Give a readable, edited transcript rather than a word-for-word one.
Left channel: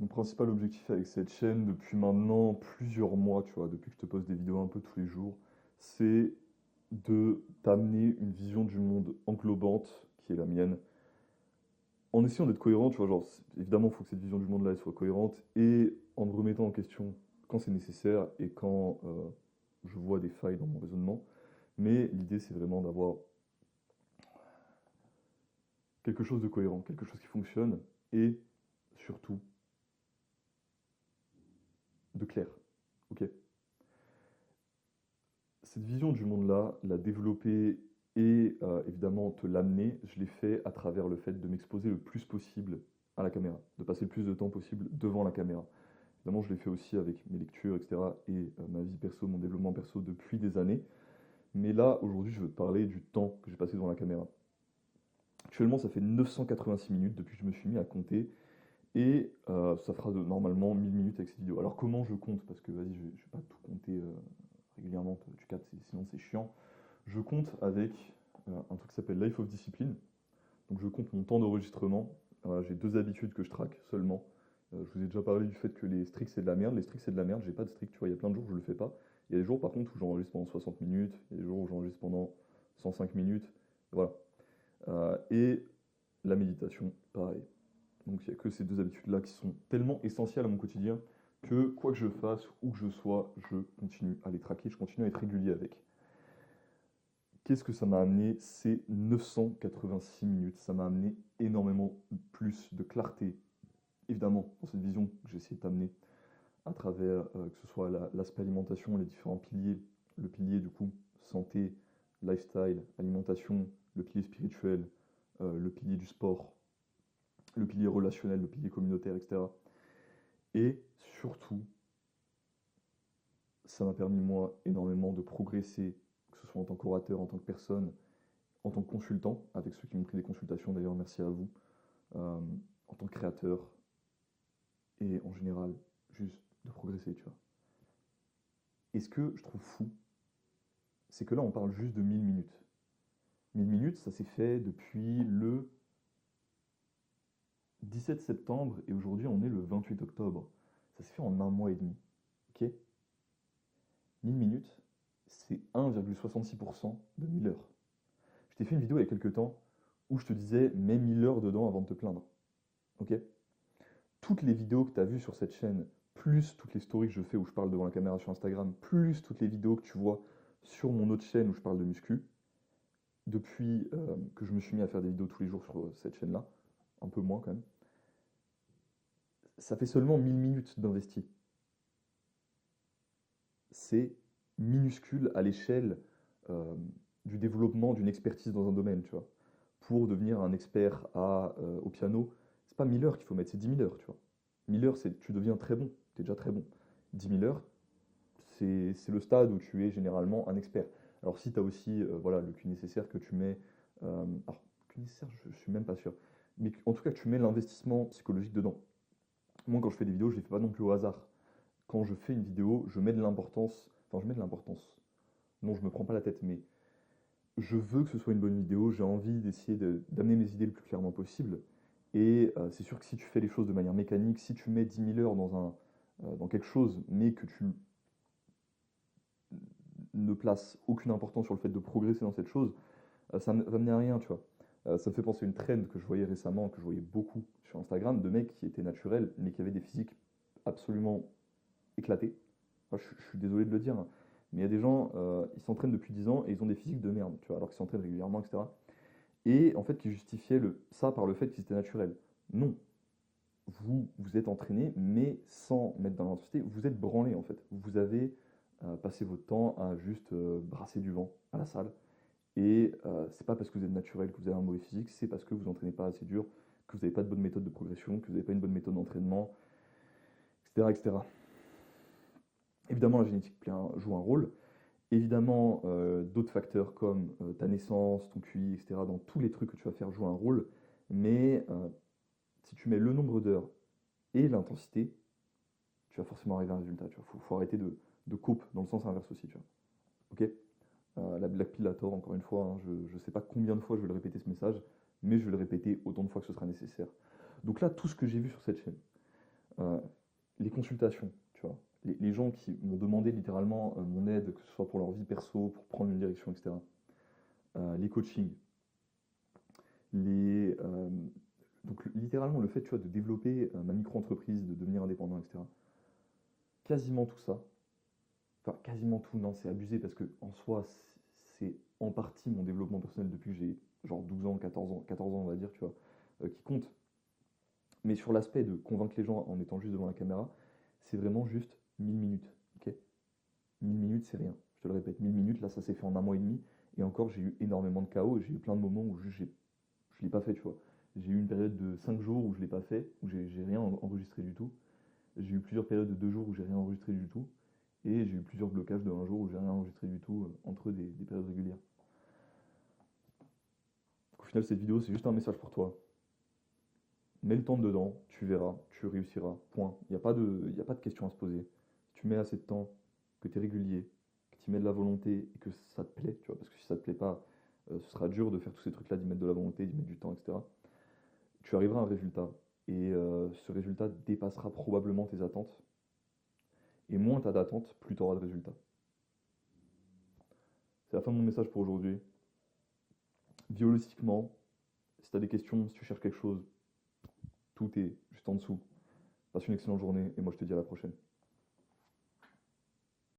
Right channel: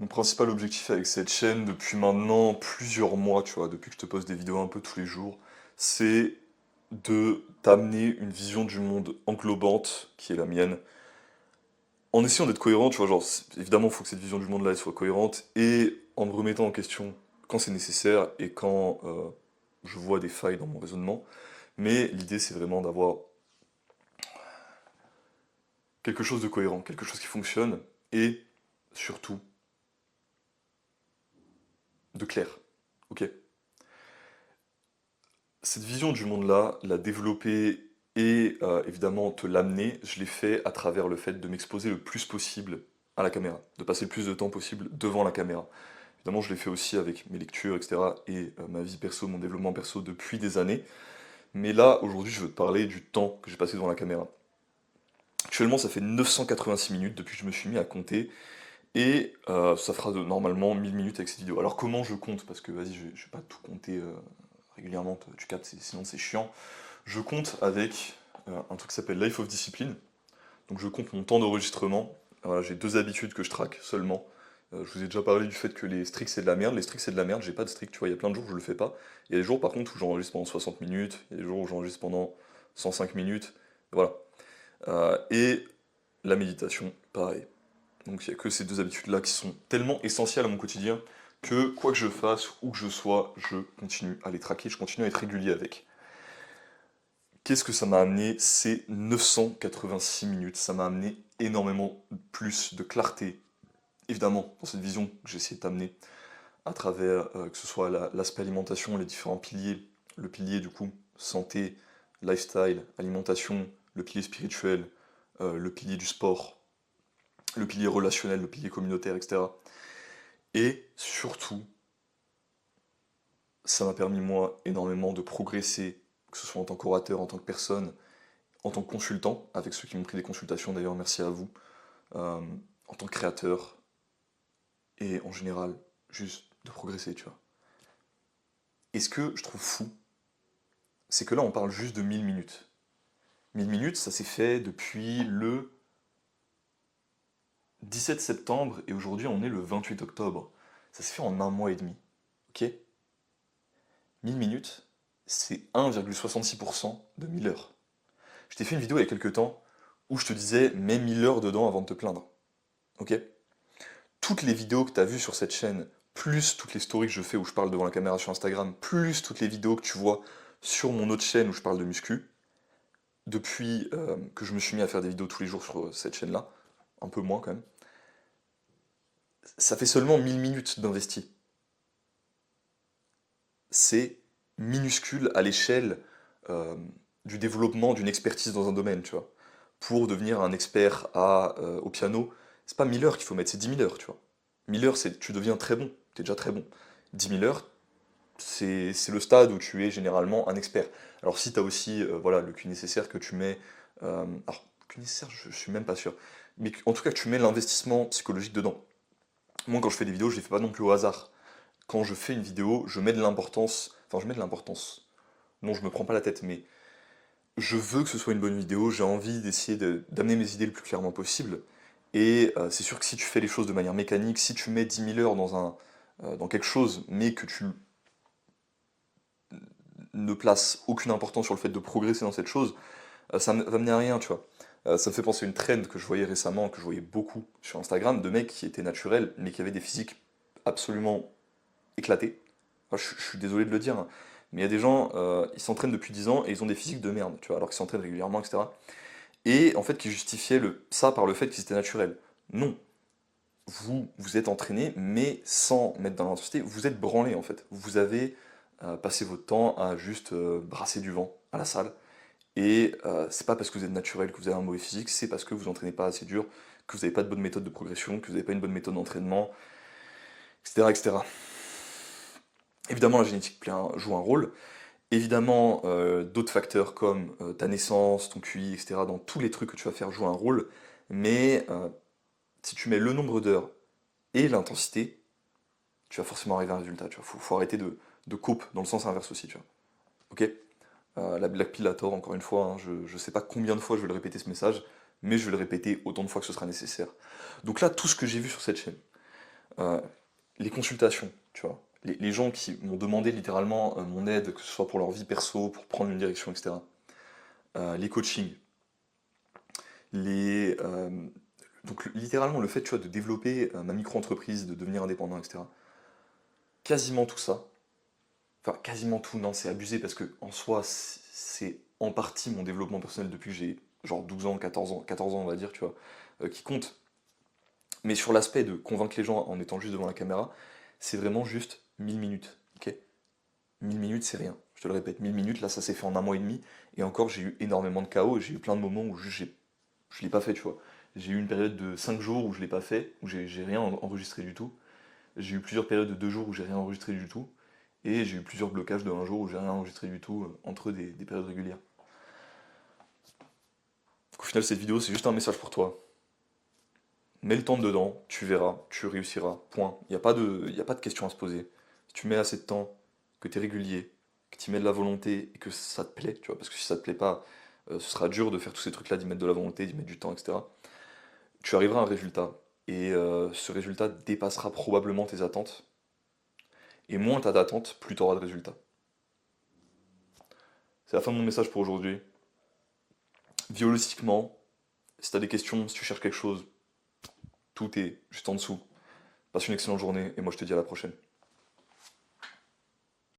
Mon principal objectif avec cette chaîne depuis maintenant plusieurs mois, tu vois, depuis que je te poste des vidéos un peu tous les jours, c'est de t'amener une vision du monde englobante, qui est la mienne, en essayant d'être cohérent, tu vois, genre, évidemment, il faut que cette vision du monde-là elle soit cohérente, et en me remettant en question quand c'est nécessaire et quand je vois des failles dans mon raisonnement. Mais l'idée, c'est vraiment d'avoir quelque chose de cohérent, quelque chose qui fonctionne, et surtout, de clair. Ok? Cette vision du monde-là, la développer et évidemment te l'amener, je l'ai fait à travers le fait de m'exposer le plus possible à la caméra, de passer le plus de temps possible devant la caméra. Évidemment, je l'ai fait aussi avec mes lectures, etc. et ma vie perso, mon développement perso depuis des années. Mais là, aujourd'hui, je veux te parler du temps que j'ai passé devant la caméra. Actuellement, ça fait 986 minutes depuis que je me suis mis à compter et ça fera normalement 1000 minutes avec cette vidéo. Alors comment je compte? Parce que vas-y, je vais pas tout compter régulièrement, tu captes, sinon c'est chiant. Je compte avec un truc qui s'appelle Life of Discipline. Donc je compte mon temps d'enregistrement. Voilà, j'ai deux habitudes que je traque seulement. Je vous ai déjà parlé du fait que les streaks c'est de la merde. Les streaks c'est de la merde, j'ai pas de streak, tu vois, il y a plein de jours où je le fais pas. Il y a des jours par contre où j'enregistre pendant 60 minutes, il y a des jours où j'enregistre pendant 105 minutes. Voilà. Et la méditation, pareil. Donc il n'y a que ces deux habitudes-là qui sont tellement essentielles à mon quotidien que quoi que je fasse, où que je sois, je continue à les traquer, je continue à être régulier avec. Qu'est-ce que ça m'a amené ces 986 minutes? Ça m'a amené énormément plus de clarté, évidemment, dans cette vision que j'ai essayé de t'amener à travers que ce soit l'aspect alimentation, les différents piliers, le pilier du coup, santé, lifestyle, alimentation, le pilier spirituel, le pilier du sport, le pilier relationnel, le pilier communautaire, etc. Et surtout, ça m'a permis moi énormément de progresser, que ce soit en tant qu'orateur, en tant que personne, en tant que consultant, avec ceux qui m'ont pris des consultations d'ailleurs, merci à vous, euh, en tant que créateur, et en général, juste de progresser, tu vois. Et ce que je trouve fou, c'est que là on parle juste de 1000 minutes. 1000 minutes, ça s'est fait depuis le 17 septembre, et aujourd'hui on est le 28 octobre. Ça s'est fait en un mois et demi, ok? 1000 minutes, c'est 1,66% de 1000 heures. Je t'ai fait une vidéo il y a quelques temps où je te disais mets 1000 heures dedans avant de te plaindre. Ok? Toutes les vidéos que tu as vues sur cette chaîne, plus toutes les stories que je fais où je parle devant la caméra sur Instagram, plus toutes les vidéos que tu vois sur mon autre chaîne où je parle de muscu, depuis que je me suis mis à faire des vidéos tous les jours sur cette chaîne-là, un peu moins quand même, ça fait seulement 1000 minutes d'investi. C'est minuscule à l'échelle euh, du développement d'une expertise dans un domaine, tu vois. Pour devenir un expert au piano, c'est pas 1000 heures qu'il faut mettre, c'est 10 000 heures, tu vois. 1000 heures, c'est tu deviens très bon, tu es déjà très bon. 10 000 heures, c'est le stade où tu es généralement un expert. Alors si tu as aussi voilà, le Q nécessaire que tu mets... alors, Q nécessaire, je suis même pas sûr. Mais en tout cas, que tu mets l'investissement psychologique dedans. Moi, quand je fais des vidéos, je les fais pas non plus au hasard. Quand je fais une vidéo, je mets de l'importance... Enfin, je mets de l'importance. Non, je me prends pas la tête, mais je veux que ce soit une bonne vidéo, j'ai envie d'essayer d'amener mes idées le plus clairement possible. Et c'est sûr que si tu fais les choses de manière mécanique, si tu mets 10 000 heures dans quelque chose, mais que tu ne places aucune importance sur le fait de progresser dans cette chose, ça va mener à rien, tu vois. Ça me fait penser à une trend que je voyais récemment, que je voyais beaucoup sur Instagram, de mecs qui étaient naturels, mais qui avaient des physiques absolument éclatés. Enfin, je suis désolé de le dire, hein, mais il y a des gens, ils s'entraînent depuis 10 ans et ils ont des physiques de merde, tu vois, alors qu'ils s'entraînent régulièrement, etc. Et en fait, qui justifiaient ça par le fait qu'ils étaient naturels. Non, vous êtes entraîné, mais sans mettre dans l'intensité, vous êtes branlé en fait. Vous avez passé votre temps à juste brasser du vent à la salle. Et c'est pas parce que vous êtes naturel que vous avez un mauvais physique, c'est parce que vous entraînez pas assez dur, que vous n'avez pas de bonne méthode de progression, que vous n'avez pas une bonne méthode d'entraînement, etc., etc. Évidemment, la génétique joue un rôle. Évidemment, d'autres facteurs comme ta naissance, ton QI, etc., dans tous les trucs que tu vas faire jouent un rôle. Mais si tu mets le nombre d'heures et l'intensité, tu vas forcément arriver à un résultat. Tu vois. Faut arrêter de coupe dans le sens inverse aussi. Tu vois. Ok? La Black Pill a tort, encore une fois. Hein, je sais pas combien de fois je vais le répéter ce message, mais je vais le répéter autant de fois que ce sera nécessaire. Donc là, tout ce que j'ai vu sur cette chaîne, Euh, les consultations, tu vois. Les gens qui m'ont demandé littéralement mon aide, que ce soit pour leur vie perso, pour prendre une direction, etc. Les coachings, les, donc littéralement le fait, tu vois, de développer ma micro-entreprise, de devenir indépendant, etc. Quasiment tout ça, enfin quasiment tout, non, c'est abusé parce que en soi, c'est en partie mon développement personnel depuis que j'ai genre 12 ans, 14 ans on va dire, tu vois, qui compte. Mais sur l'aspect de convaincre les gens en étant juste devant la caméra, c'est vraiment juste 1000 minutes, ok? 1000 minutes, c'est rien. Je te le répète, 1000 minutes, là, ça s'est fait en un mois et demi. Et encore, j'ai eu énormément de chaos et j'ai eu plein de moments où je l'ai pas fait, tu vois. J'ai eu une période de 5 jours où je l'ai pas fait, où j'ai rien enregistré du tout. J'ai eu plusieurs périodes de 2 jours où j'ai rien enregistré du tout. Et j'ai eu plusieurs blocages de un jour où j'ai rien enregistré du tout entre des périodes régulières. Donc, au final, cette vidéo, c'est juste un message pour toi. Mets le temps dedans, tu verras, tu réussiras. Point. Y a pas de question à se poser. Si tu mets assez de temps, que tu es régulier, que tu y mets de la volonté et que ça te plaît, tu vois, parce que si ça te plaît pas, ce sera dur de faire tous ces trucs-là, d'y mettre de la volonté, d'y mettre du temps, etc. Tu arriveras à un résultat. Et ce résultat dépassera probablement tes attentes. Et moins t'as d'attentes, plus t'auras de résultats. C'est la fin de mon message pour aujourd'hui. Biologiquement, si t'as des questions, si tu cherches quelque chose, tout est juste en dessous. Passe une excellente journée et moi je te dis à la prochaine.